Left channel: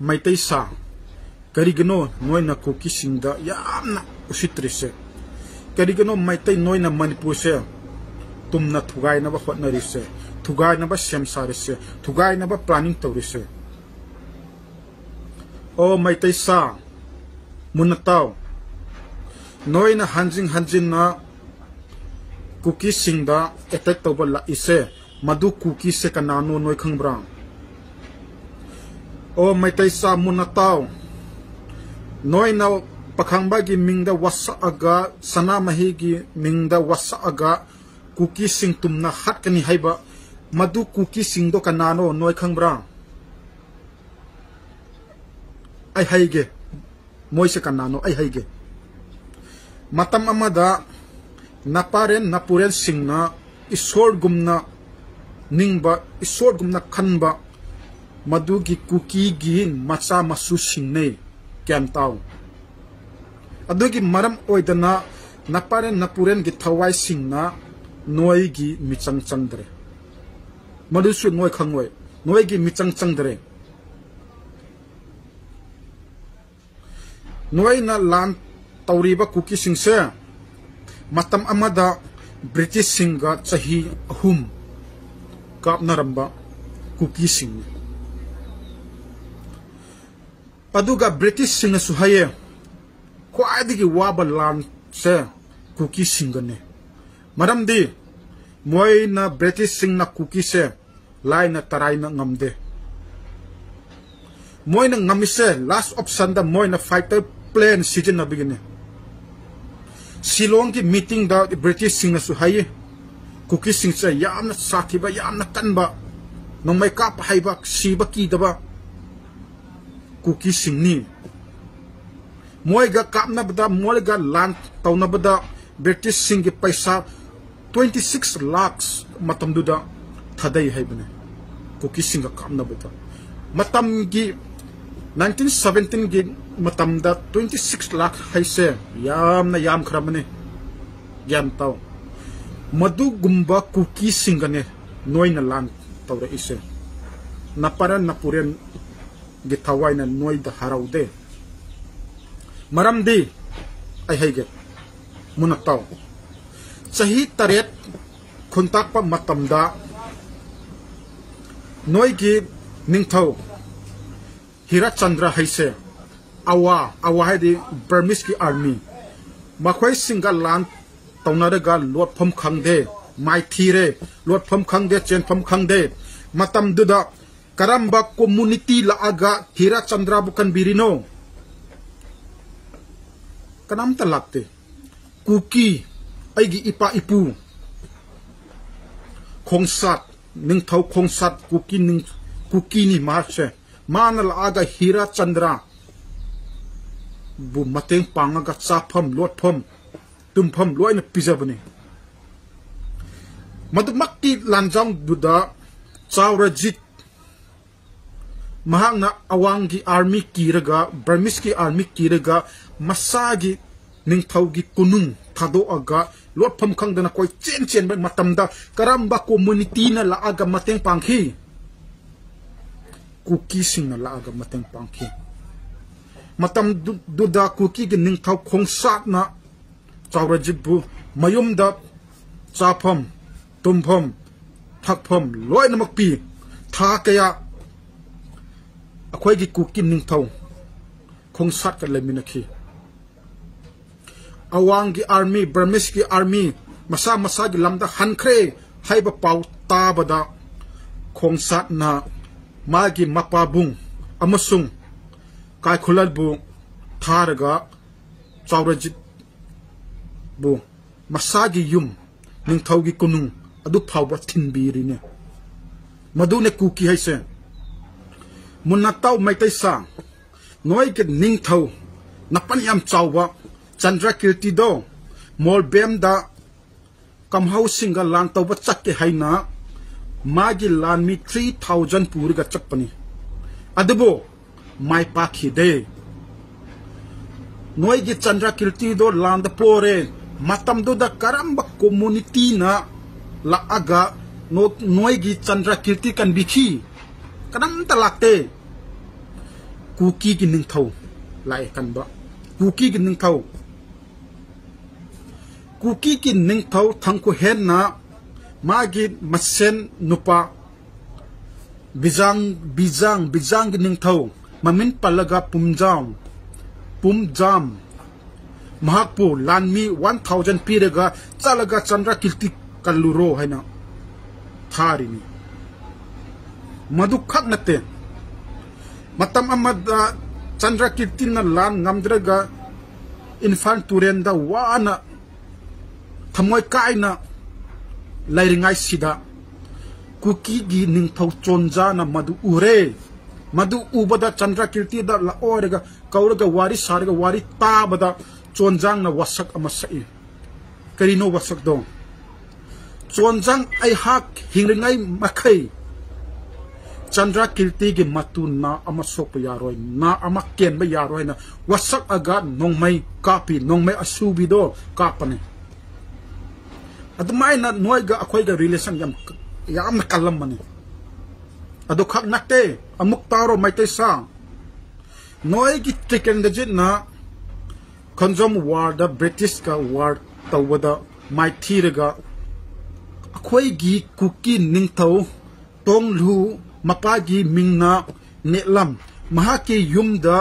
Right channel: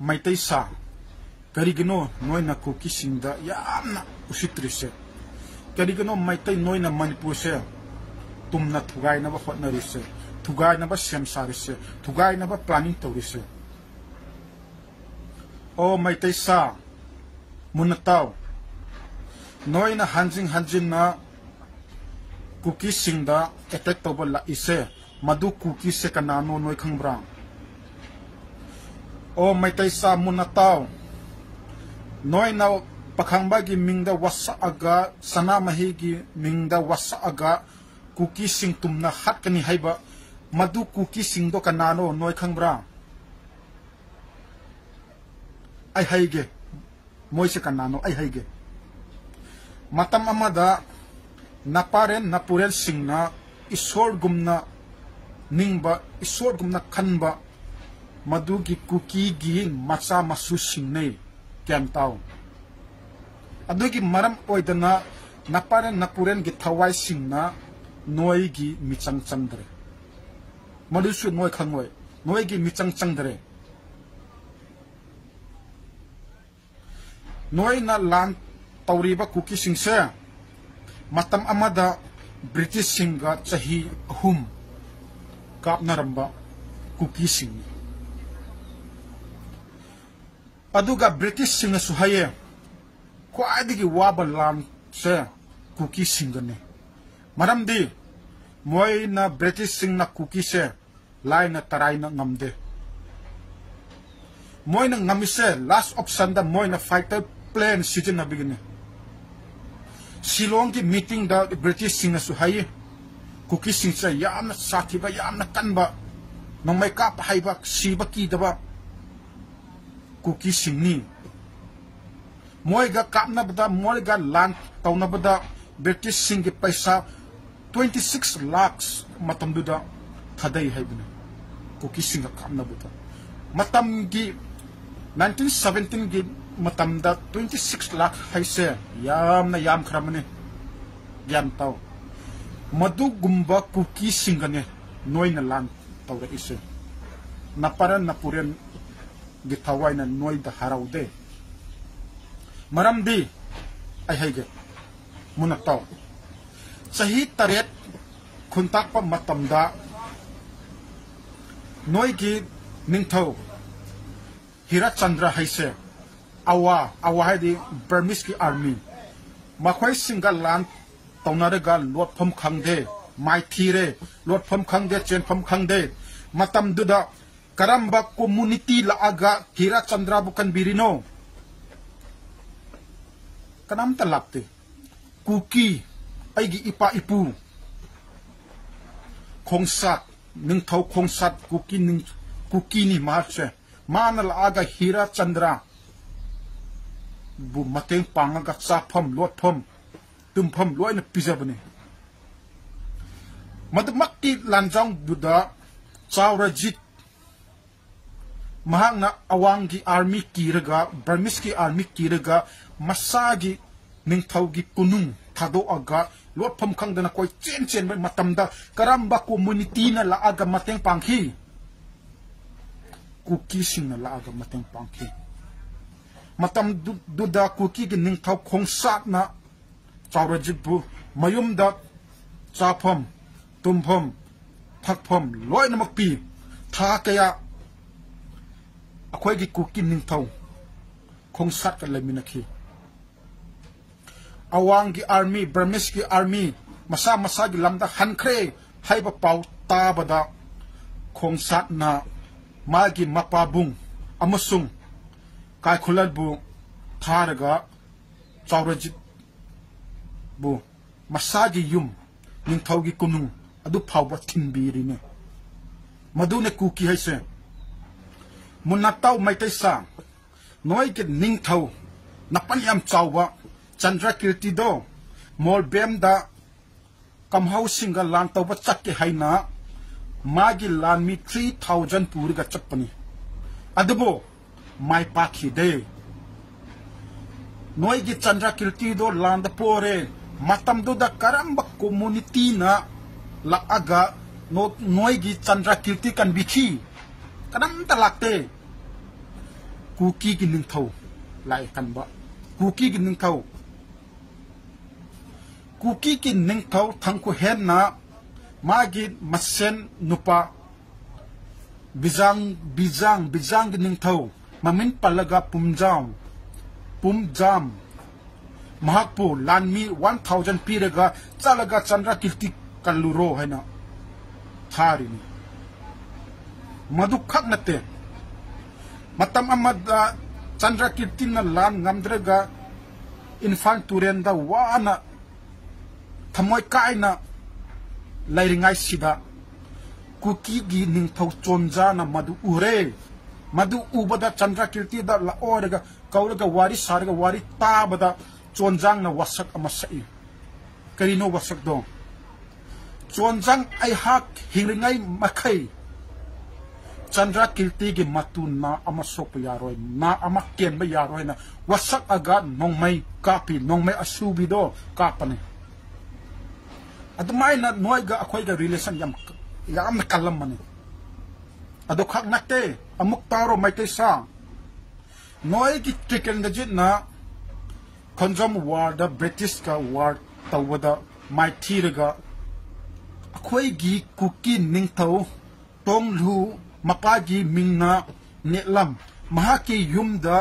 maitai sa karigano noi na kuki singda yamna usitrise karigano maitai noi na Manipur se tumna thugai na ba hotnari se thugai na ba semsare se thugai na ba planning torise o maitai sa munataw noi na hanjin na kuki singda attack tawba la ise madu kuki se kanano noi khangbra o maitai sa munataw noi na pakhangba gi mingda wasa aga sana mahi gi mingda wasa aga kuki sing tumna hatkani haiba madu kuki sing do kanano noi khangbra ai haige moise kanano ai haige matam amada naparen napurel singna isor gumna ningba isor gumna khanba madu gi kuki gi macha masu singne kyan taw adugi maram oidana naparen napuren gi thawai singna noi gi michang chandre malusu noi khangwai noi gi michang chandre noi na lan tawriba kuki singse matam amada British singa chahi ahum kapnaramba kuki sing aduga British singa suhaye khwaidigi waba lan se kuki singane maramdi moina British singna kuki se laina taraina ngamde moina ngamise last option da moina fighter plane season na begine Shillong ki meeting da British singa suhaye kuki sing se yamna sathiba yamna kanba nongmai ka pahaiba siba ki daba kuki singni moiga kapna bada moiga lan tawna bada British singi paisa 26 lakhs matam duda thadai haibane kuki singa kapna bada matam gi 1917 gi matam da 26 lakh haise yam khramane yam taw madu gumba kuki singane noina lan tawra ise naparen napuren gi thawai na noi da haraude maramdi ai haige munataw sahi taret khuntak pa matamda noi gi ningthau Hirachandra haise awa hadi Burmese ki army makhoi singa lan tawnaraga lot phom khangde mai thire lot phom khangde chen phom khangde matam duda karamba community la aga Hirachandra bukan birino kanam talakte kuki aigi ipa ipu khongsat ningthau khongsat kuki ni marche mana la aga Hirachandra bu mateng pangaga chapham lotpham tumpham loina pijabani madumakti lanjang buda Chaurajit mahangna awangi army kiraga Burmese ki army kiraga masagi ningthau gi kunung thado aga lotpham khangdana koi chen matamda karamba community na la aga mateng panghi kuki sing na la aga mateng panghi matam duda kuki gi ningthau khongsat na Chaurajit bu mayumda chapham tumpham thakpham loina makpi tha kaya akhoi gi kuki ningthau khongsat ka leminakhi awangi army Burmese ki army masa gi lamda hankhre haiba pau ta bada khongsat na magi mapabung amasung kai khulal bu tharaga Chaurajit bu masagi yum ningthau gi kunung adu phawba thinbirine madune kuki haise munataw maitai sa noi ke ningthau napan yam chawba Chandrakirti do mol bem da kamhau singa lan tawba chakke haina magi lan mi 3000 puriga chapani adebo mai pakhi de noi gi Chandrakirti do lan da pore matam do da karamba community na la aga noi gi Chandrakirti kan bikhi kadam talakte kuki gi ningthau lai kan ba kuki gi ningthau kuki gi ningthau thangku hen na magi masen nupa bijang gi ningthau mamin palaga pumjam mahakpu lanmi 1000 pirega chalaga Chandra Kirti Kalluro haina tharini madu khak nate matam amada Chandra Kirti na lan ngamdraga infan turenda wana thamoy kaina lairingai sida kuki gi ningthau chonja na madu ure madu ubada Chandra Kirti da la orega kauraga wari sarga wari tabada chonjang na wasak amasai karino wasak do chonjang ai hak hingringai makai Chandra Kirti gi matun na amasok yaroi na amaken ba yaroi na wasak aga nongmai kapi nongmai asubi do kapane admai na noiga akhoi ga relation yam kalam mane ado khak nakte amuk taro mai te sa noi gi chicken da jit na Konjom war da British ka war tawada mai thiraga akhoi gi kuki ningthau tonglu mapa gi mingna nelam mahaki yumda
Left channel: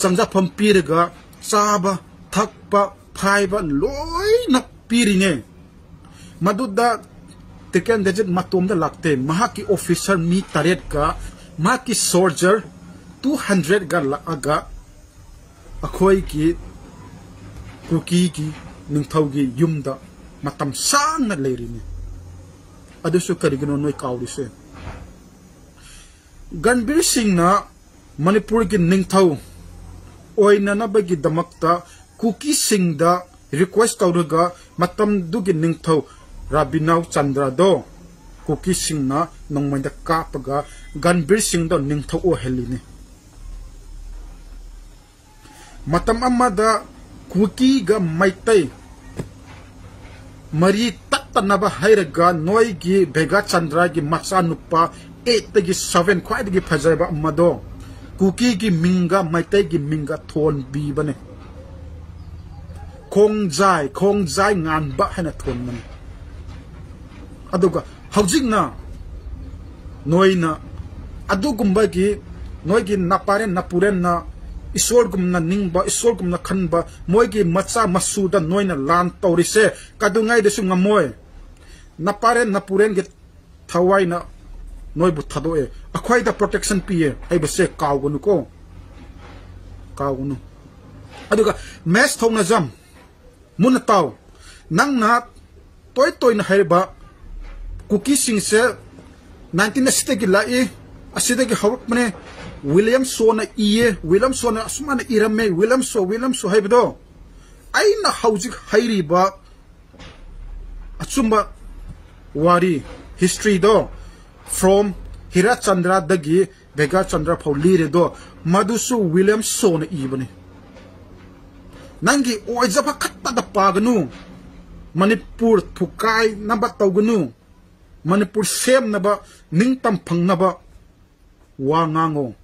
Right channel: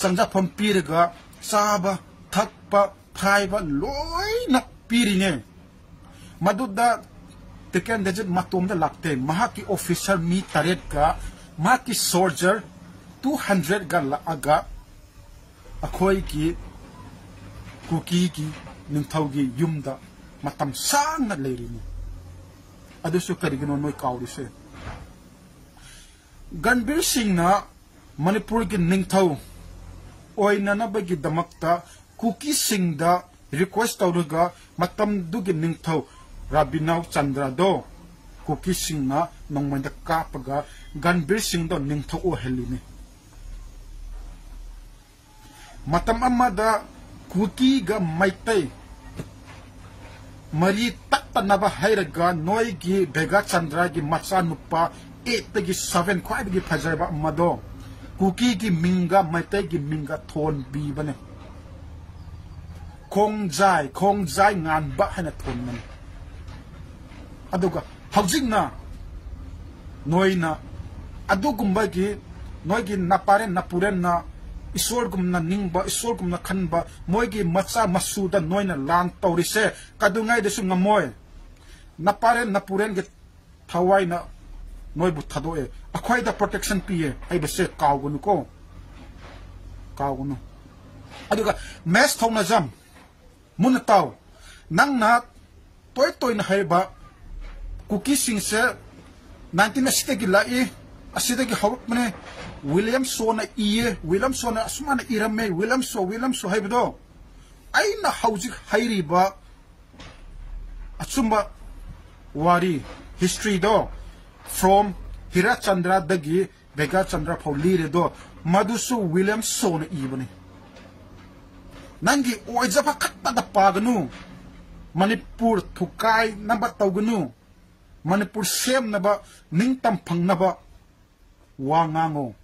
sangja pampiraga saba thakpa phaiba loina pirine maduda teken dejit matum da lakte mahaki officer mi taret ka mahaki soldier 200 ga la aga akhoi gi kuki gi ningthau gi yumda matam sang na leirini adusu karigino noi kawrise Ganbir Singh na Manipur gi ningthau oina na bagi damakta kuki sing da request tawruga matam du gi ningthau Rabinau Chandra do kuki sing na nongmai da kapaga Ganbir Singh da ningthau o helini matam amada kuki ga maitai mari taktanaba hairaga noi gi Bega Chandra gi macha nupa 8 gi 7 khwai gi phajaba amado kuki gi minga maitai gi minga thon bi bane khongjai ngan ba hana thon man aduga haujingna noina adugumba gi noi gi naparen napuren na isor gumna ningba isor gumna khanba moigi macha masuda noina lan tawrise kadungai desu ngamoy naparen napuren ge thawaina noi bu thadoe akhoi da protection pie ai base kawgunu ko kawgunu aduga mes thongna jam munataw nangna toy na haiba kuki sing se 1960 gi lai aside gi hawp mane William Sona iye William Sona asmana irame William so haibdo aina haujik hairiba achumba wari history do from Hira Chandra dagi Bega Chandra Paulire do madusu William Sona ibane nangi oijaba khatta da pagnu Manipur thukai naba tawgnu Manipur sem naba ningtam phangnaba wangango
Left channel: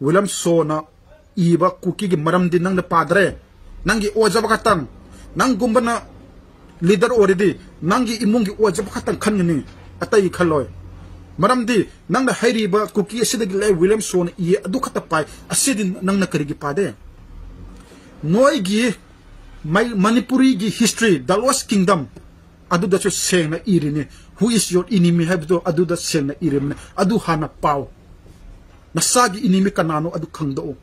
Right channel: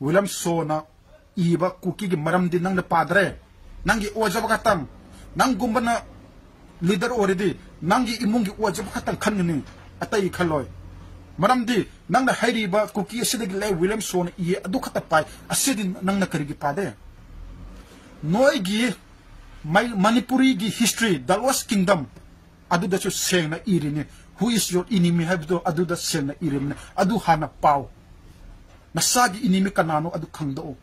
William Sona iba kuki gi maram din nang padre nangi ojaba katang nang gumbana leader already nangi imungi ojaba katang khanni atai khaloy maram di nang na hairiba kuki asidagi lai William Sona i adu khata pai asidin nang na karigi pade noi gi mai Manipuri gi history Dalwas kingdom adu da sengna irini who is your enemy habdo adu da sengna irini adu hana pau nasagi inimi kanano adu khangdo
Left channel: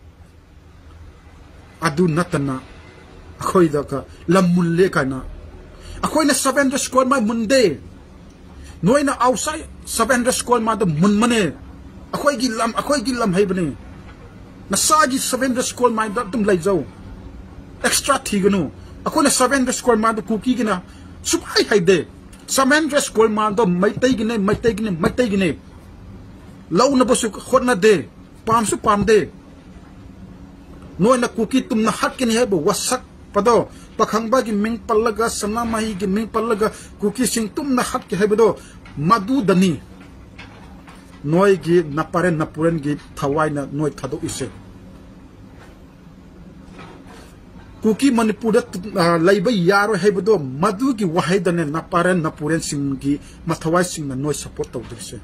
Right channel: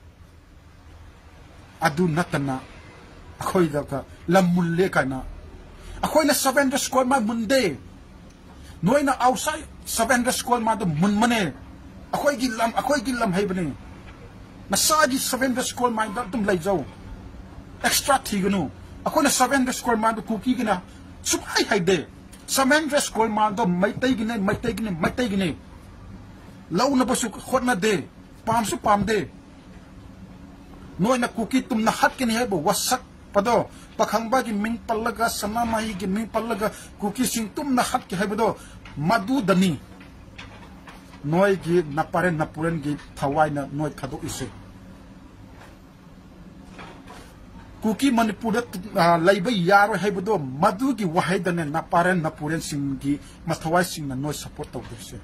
adu natana akhoi da ka lamun le kana akhoi na 700 square ma munde noina outside 700 square ma da munmane akhoi gi lam haibane nasagi 700 square ma da tum lai jaw extra thigunu akhoi na 700 square ma da kuki gina subai haide 700 square ma da maitai gine lau na basu khotna de pam de noina kuki tum na hat kini hebo wasak pado pakhangba gi ming pallaga sama mahi gi ming pallaga kuki sing tum na hat ke hebo do madu dani noi gi naparen napuren gi thawai na noi thado ise kuki manipur da laiba yaro hebdo madu gi wahidane naparen napuren sing gi mathawai sing na noi support taw dise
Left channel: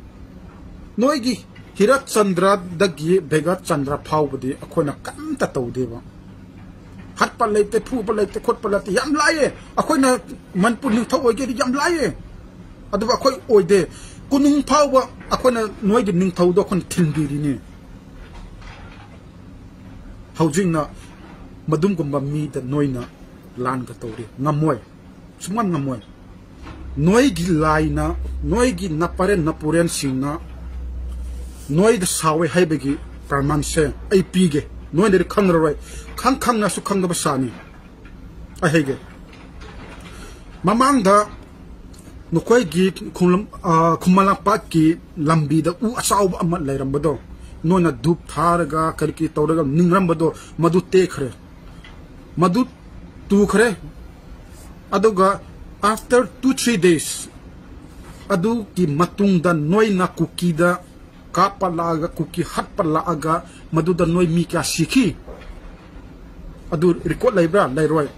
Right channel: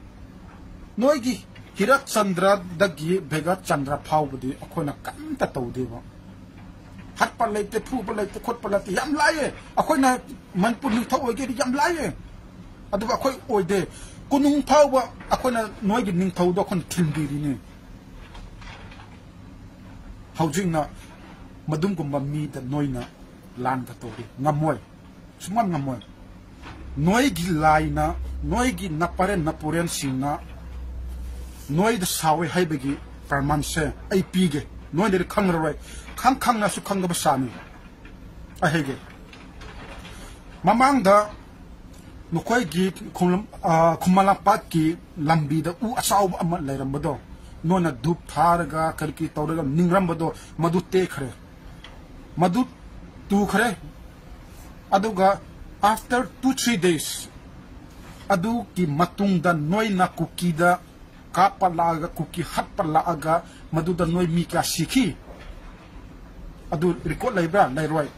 noi gi hirat chandra dagi bega chandra phau budi akhona kam ta taw dewa hat pa leite phu pa leite khot pa leite yam laye akhona manpur ni thaw ge yam laye adu akhoi oide kunung phau ba akhona noi gi ning thaw do khon thingdi ni haujing na madum gumba mi da noi na lan ka tawri ngamoy suman ngamoy noi gi lai na noi gi napare napuren singna noi da sawe haibegi parman se ai pige noi de khang rawai khang na su khang da basani ai hege mamang da nokoi gi khumala pa ki lambi da u asaw ama lairam bado nona dup tharga kalki tawraga ningram bado madu te khre madu tu khre aduga after 2-3 days adu ki matung da noi na kuki da kapalaga kuki hat palaga madu da noi mi ka sikhi adu record laibra lairoi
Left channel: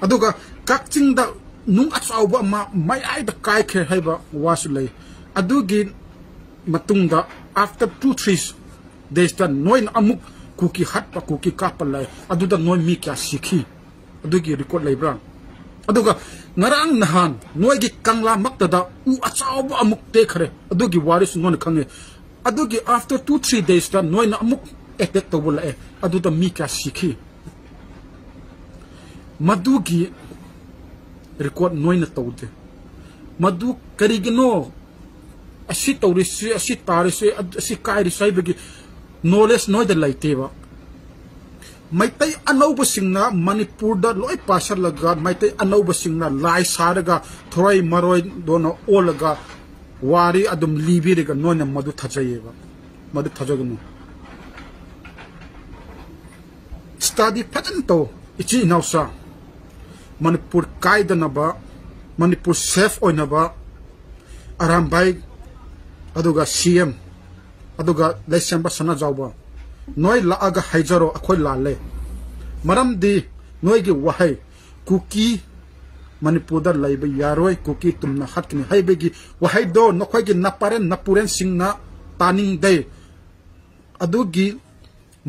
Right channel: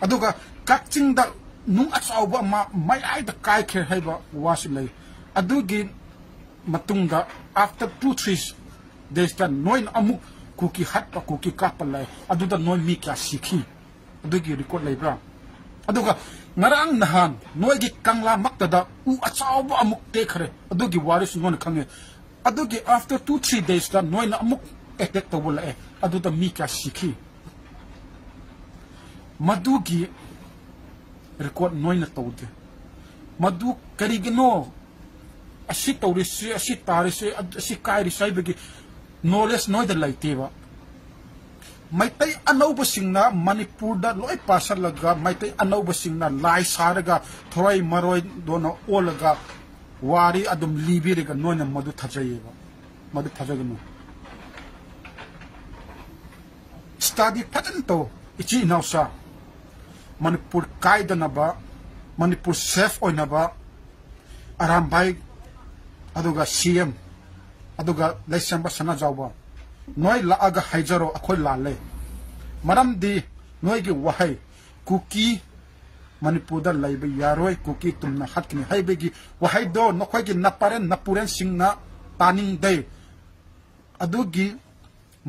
aduga kakching da nung achauba ma mai ai da kai khe haiba was lai adugi matung da after 2-3 days da noi na amuk kuki hat pa kuki kapalai adu da noi mi ka sikhi adugi record laibra aduga ngarang nahan noi gi kangla makta da u achauba amuk te khare adugi waris non khange adugi after 2-3 days da noi na amuk effect to bula e adu da mi ka sikhi madugi record noi na tawde madu karigino asi tawrisi asi tarisi asi kairi saibegi knowledge noi da laiteba maitai anauba singna manipur da loi pasar laga maitai anauba singna lai saraga thoi maroi dona olaga wari adum libirega nona madu thajayeba madu thajagno study patent ichi nausa manipur kaidanaba manipur safe oinaba arambai aduga cm aduga leisamba sana jawba noi laaga haijaro akhoi lale maramdi noi gi wahai kuki manipur da laiba yaroi kuki tumna hatni haibegi wahai do nokhoi gi naparen napuren singna taning dei adugi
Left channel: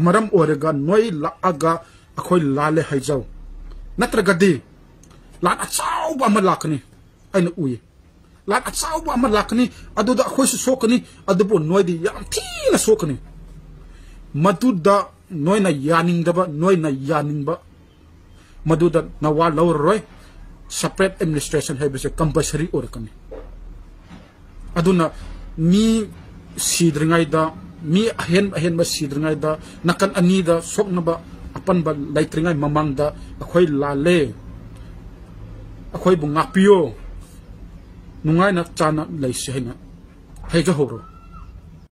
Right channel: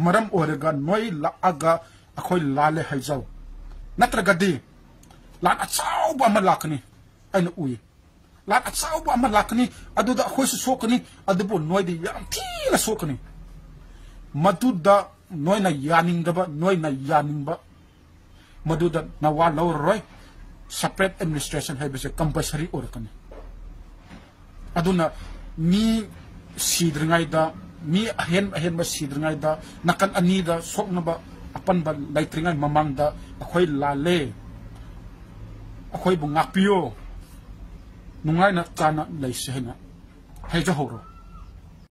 maram orega noi laaga akhoi lale haijaw natragadi lat achauba malakni aina ui lat achauba malakni aduda akhoi su sokni adubo noi di yam thina sokni maduda noina yaningdaba noina yaningba maduda nawa lawroi separate administration habise compulsory orakani aduna mi sidringaida mi ahen ba sidringaida nakan anida soknaba apanba laitringai mamangda akhoi lale akhoi bunga pio nungai na chana laisehna heja horo